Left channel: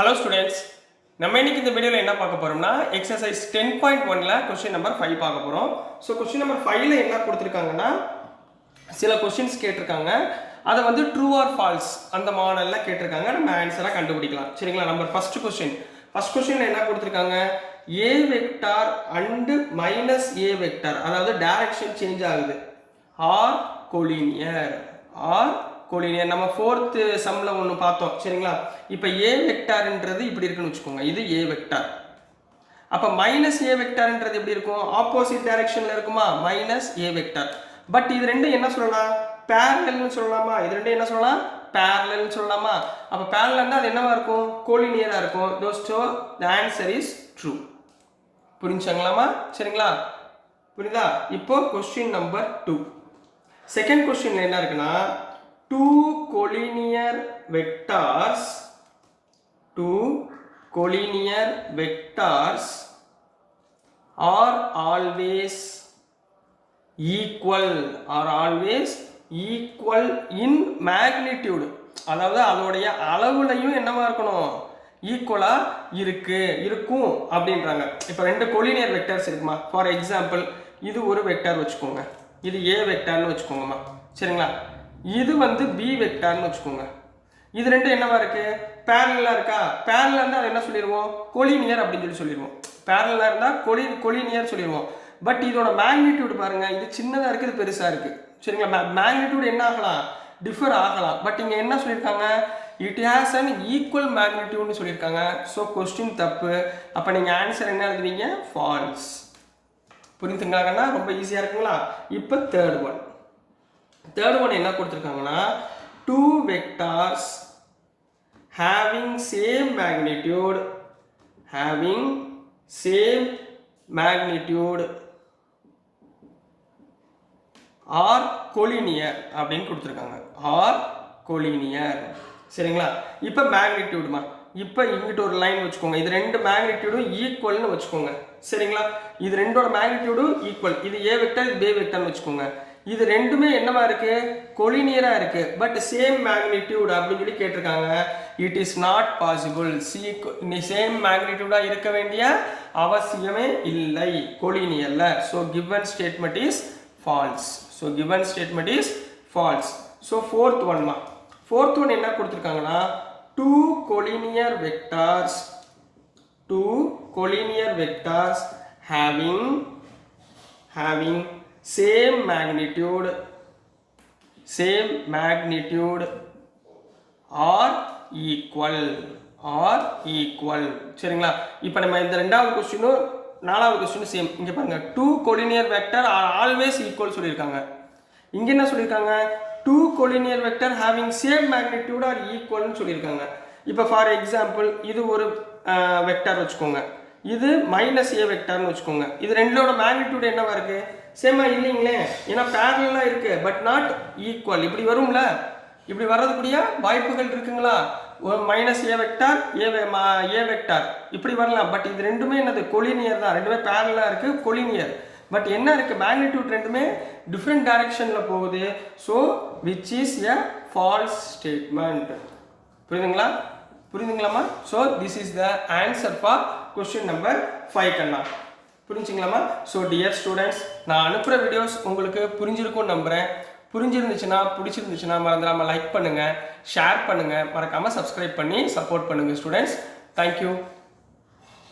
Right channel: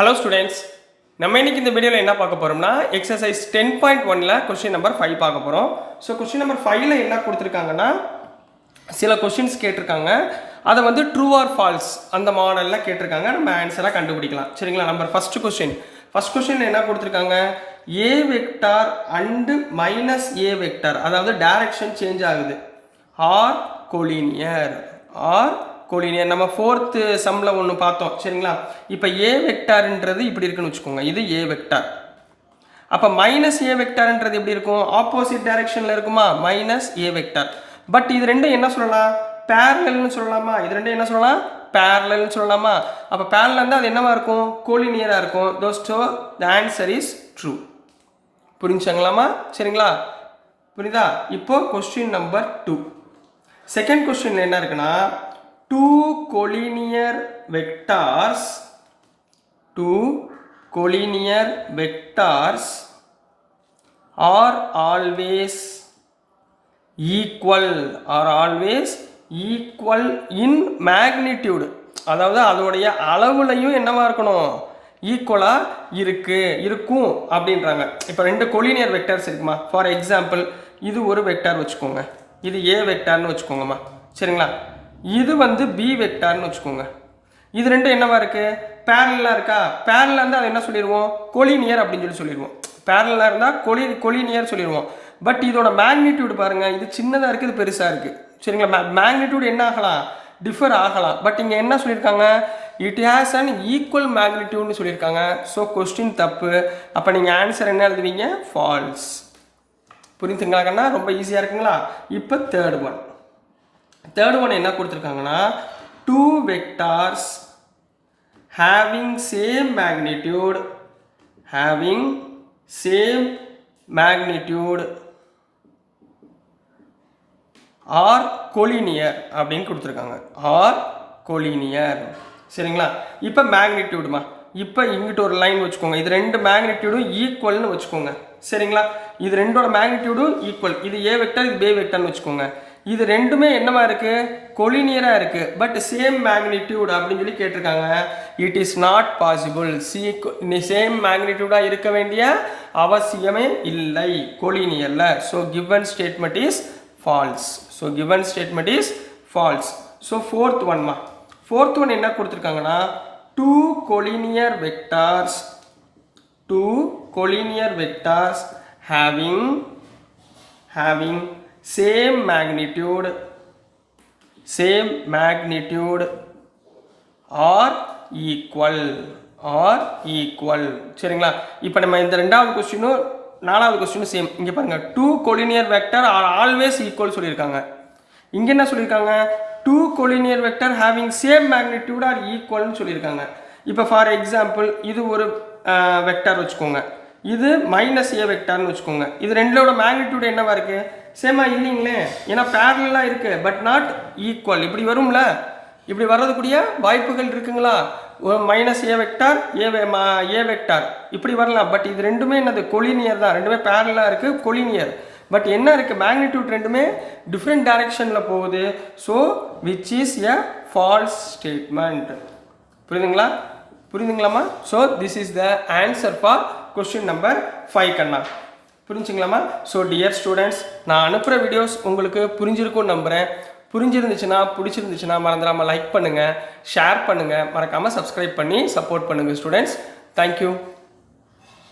Hello students, நம்ம இன்னைக்கு இந்த வீடியோல என்ன பார்க்க போறோம்னா எக்சர்சைஸ் 10.1ல क्वेश्चन நம்பர் 5 பார்க்க போறோம். சோ क्वेश्चन நம்பர் 5ல என்ன கொடுத்திருக்காங்கன்னா சில क्वेश्चंस கேட்டிருக்காங்க. அத வந்து ட்ரூ ஆர் ஃபால்ஸ் அந்த மாடல்ல கேட்டிருக்காங்க. நம்ம ஆன்சரை கண்டுபிடிக்கலாம். சரிங்களா? நம்பர் ஃபர்ஸ்ட் क्वेश्चनல என்ன கொடுத்திருக்காங்க? a vector and -a vector அதாவது டைரக்ஷன் சேஞ்ச் ஆகுது. ஆர் கோலினியர் நம்ம fourth சம்ல ஒன்னு பார்த்தோம். சரிங்களா? இப்போ a வெக்டார்ன்றது இப்படி இருக்குன்னு வெச்சுக்கோங்க. இது a வெக்டார். அப்ப -a வெக்டார்ன்றது எப்படி இருக்கும்? ஆப்போசிட் டைரக்ஷன்ல இருக்குமா? -a vector. பட் இது ரெண்டும் என்ன சொல்லலாம்? parallelனு சொல்லலாமா? இது ரெண்டும் என்ன சொல்லலாம்? parallelனு சொல்லலாமா? அப்ப parallelனா அது என்னவா இருக்கும்? கோலினியரா இருக்கும். So the answer is true. புரிஞ்சுங்களாமா? சரிங்களா? புரியுதா? இப்போ क्वेश्चन நம்பர் 2. செகண்ட் क्वेश्चनல என்ன இருக்குன்னா two collinear vectors are always equal in magnitude. அதாவது அதோடைய அளவுலையும் என்னவா இருக்கணும்? ஈக்குவலா இருக்கும் அப்படின்றாங்க. இப்போ ரெண்டு கோலினியர் வெக்டர்ஸ் இருக்குமா? ஃபார் எக்ஸாம்பிள் இது ஒரு வெக்டார் வச்சுக்கோங்க. இது a வெக்டார்னு வச்சுக்கோங்கம்மா. சரிங்களா? இது வந்து b வெக்டார்னு வச்சுக்கோங்க. இது ரெண்டும் என்னவா இருக்கு? parallel இருக்கா? parallel இருந்தா அது என்ன சொல்லிடுவோம்? கோலினியர் அப்படின்னு சொல்லிடுவோம். parallel இருந்தா கோலினியர் சொல்லிடுவோம். பட் இதோட மேக்னிடியூட் பாருங்க, இது சின்னதா இருக்கு, இது பெருசா இருக்கு. சரிங்களா? மேக்னிடியூட் என்ன ஆகலாம்? டிஃபர் ஆகலாம். பட் இங்க என்ன சொல்லியிருக்காங்க? இட் ஹேஸ் அன் ஈக்குவல் மேக்னிடியூட்னு சொல்லியிருக்காங்க. ஸோ கொஸ்டின் தப்பு. அப்போ நீங்கள் ஆன்சர் என்ன எழுதுவீங்க? ஃபால்ஸ். புரிஞ்சுங்களாங்கன்னா ரொம்ப ஈஸியாக இருக்குங்களா? இப்போ தேர்ட் ஒன் என்ன கொடுத்துருக்காங்கன்னா two vectors having same magnitude are collinear அப்படின்னு கொடுத்துருக்காங்க. are collinear. சரிங்களா? இப்போ மேக்னிடியூடுமா, இப்போ இங்கிட்ட ஒரு லைன் வச்சுக்கோங்க. இது ரெண்டு மேக்னிடியூடும் ஈக்குவல்னு வச்சுக்கோங்க. சரிங்களா? இது ரெண்டோட மேக்னிடியூடும் ஈக்குவல். இது a வெக்டர், இது b வெக்டர்னு வச்சுக்கோங்க. இது ரெண்டுமே என்னவா இருக்கு? கோலினியரா இருக்கு. பட் சேம் மேக்னிடியூட் அப்படின்னு சொல்லி கேட்டிருக்காங்க. It is not possible. Same மேக்னிடியூடா இருக்க வேண்டிய அவசியமே இல்லை கோலினியர்ல. So given statement is false. So fourth one என்ன கொடுத்துருக்காங்கன்னா two collinear vectors having same magnitude are equal. சரிங்களா? இப்போ நம்ம இந்த ரெண்டாவது क्वेश्चனும் நாலாவது क्वेश्चனும் சேம். இங்க பாருங்க, two collinear vector are always equal சொல்லிருக்காங்க. இங்க என்ன சொல்லிருக்காங்க? two collinear vector having same magnitude are equal னு சொல்லிருக்காங்க. இப்போ ஃபார் எக்ஸாம்பிள் இது ஒரு வெக்டார் வச்சுக்கோங்க. இது -a வெக்டார்னு வச்சுக்கோங்க. இது ரெண்டோட மேக்னிடியூட் என்னவா இருக்கு? சேமா இல்லைங்களே. ஏன்னா பேரலலா இருக்கு, பட் நாட் ஈக்குவல். இப்படி வரும்ல, இப்படி வர்றதுக்குரிய வாய்ப்புகள் இருக்குங்களா? -a வெக்டார் a வெக்டார் இப்படி வரலாம். பட் இது ரெண்டுமே என்னது? கோலினியர் தான். ரெண்டுமே பேரலலா இருக்கு, கோலினியர். பட் என்ன இருக்கு? மேக்னிடியூட் ரெண்டுமே டிஃப்ரெண்ட் டைரக்ஷன்ல போகுது. So which is a false statement. புரியுதுங்களாமா? So this is the answer for question number 5 கண்ணா. புரிஞ்சுங்களாமா? ஸோ டியர் ஸ்டூடெண்ட்ஸ், நான் அனுப்புகிற வீடியோஸ் உங்களுக்கு புரிஞ்சிருக்கும்னு நம்புகிறேன். பிடிச்சிருந்துச்சுன்னா மறந்துடாமல் லைக் பண்ணுங்கள், ஷேர் பண்ணுங்கள், மறக்காமல் சப்ஸ்கிரைப் பண்ணி சப்போர்ட் பண்ணுங்கள் ஸ்டூடெண்ட்ஸ். தேங்க்யூ.